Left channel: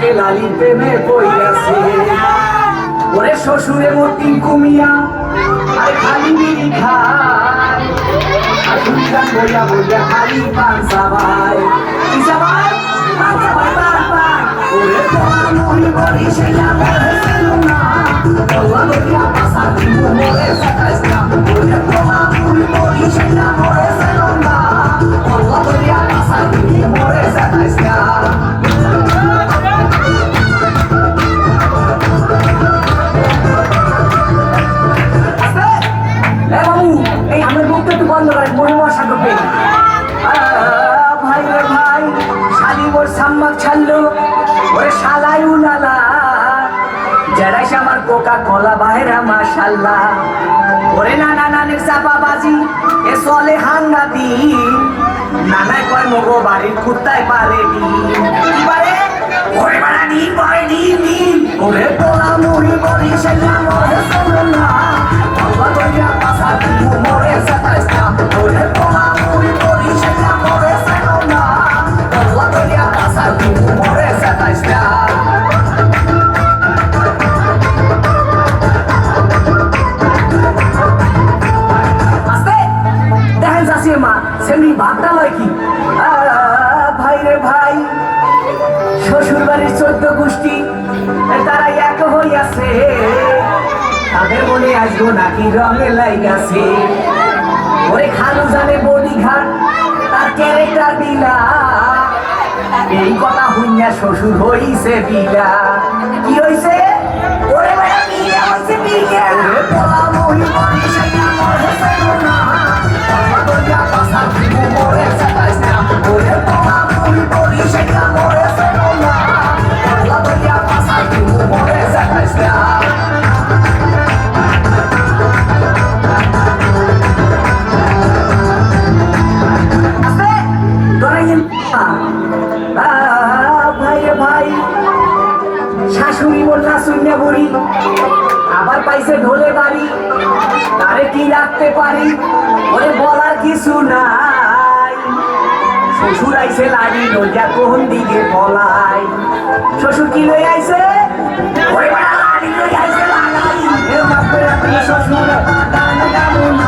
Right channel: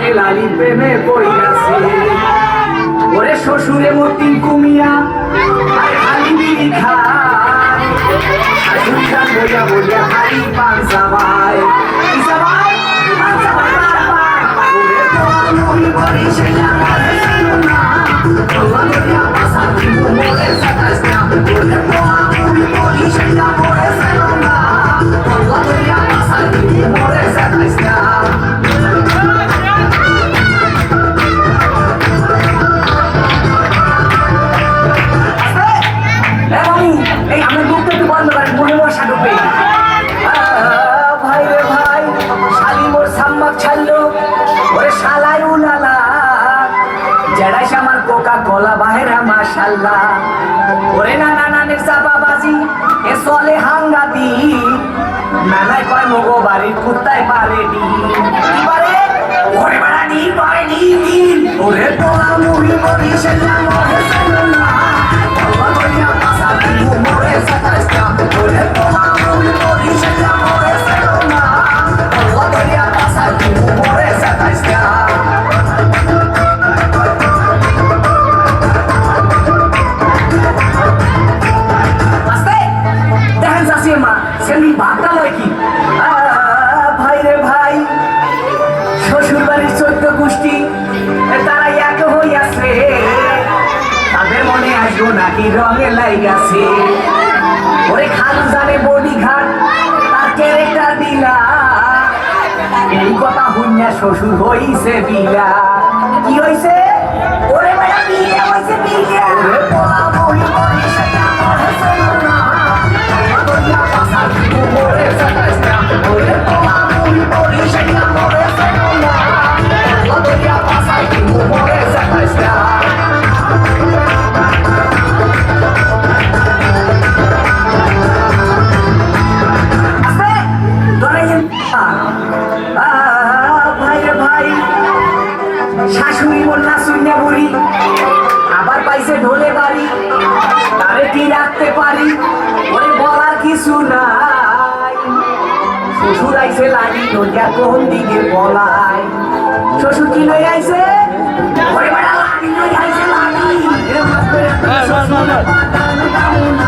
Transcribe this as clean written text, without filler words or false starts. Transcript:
থাকে লালির প্রেমে পড়িয়াছে ওরে শ্বশুরে মতি কুমিয়া আর খালি বিড়ি খায় শাশুড়িরা বইয়া বইয়া খালি পান চাবায় কি চাবায় পান চাবায় বারবার ওরে তোরা মরি মরি সেটা মরে ছিল না তোরা দরিয়া পাশা দিব মরে সাতাশ না ওরে তোরা মরি মরি সেটা মরে ছিল না তোরা দরিয়া পাশা দিব মরে সাতাশ না এই আমার মুখটা একটু বন্ধ করেন মনে বসা ঢুকবে ভাই রে ভাই শালি মোর সাম্মাক ছাড়লো ওরে শালাই উলালা জেরাইস আমার কোকা কোলা বাহেরা মাশাল্লাহ ওরে নানা নানের চাপা বাজি এ চলে হাঙ্গাতি নানায় কয় মগো বাড়ির কুত্তায় পারে নি কি পারে ওরে বাড়া নি পারে নি ওরে তোলা মুড়ি বড়ি সেটা মরে চলো না তোলা দরিয়া পাশা দিব মরে সাতাশ না ওরে তোলা মুড়ি বড়ি সেটা মরে চলো না তোলা দরিয়া পাশা দিব মরে সাতাশ না সেমনি ভাগটা লয় কি ভাই রে ভাই শ্বশুর বাড়ির 14 গোষ্ঠী তারা এক হইয়াছে তাদের মনে আসবো নাকি রঙে লাইগাছে ওরে খালু জানে বডি ঘাট তার ক্যারেক্টার দিলা এই কথা হইয়া শ্বশুর হইছে বিলা কি হইছে ওরে বেটা বিলা হইছে বিলা ওরে তোলা মহি মহি সেটা মরে ছিল না দরিয়া পাশা দিব মরে সাতাশ না ওরে তোলা মহি মহি সেটা মরে ছিল না দরিয়া পাশা দিব মরে সাতাশ না শাশুড়ি বললা শুনে বুড়ি আবার পাইছে ঢোলে বাড়ি তারে কি রাখতে পারি ওরে বলার কিছু নাই শ্বশুর আইছে লাগি দরজা কোন দিকে বলাই শ্বশুর কি লই আইছে ওরে বড় লাগি লই আইছে লাগি এর মাত্র শ্বশুর দাদা দামু না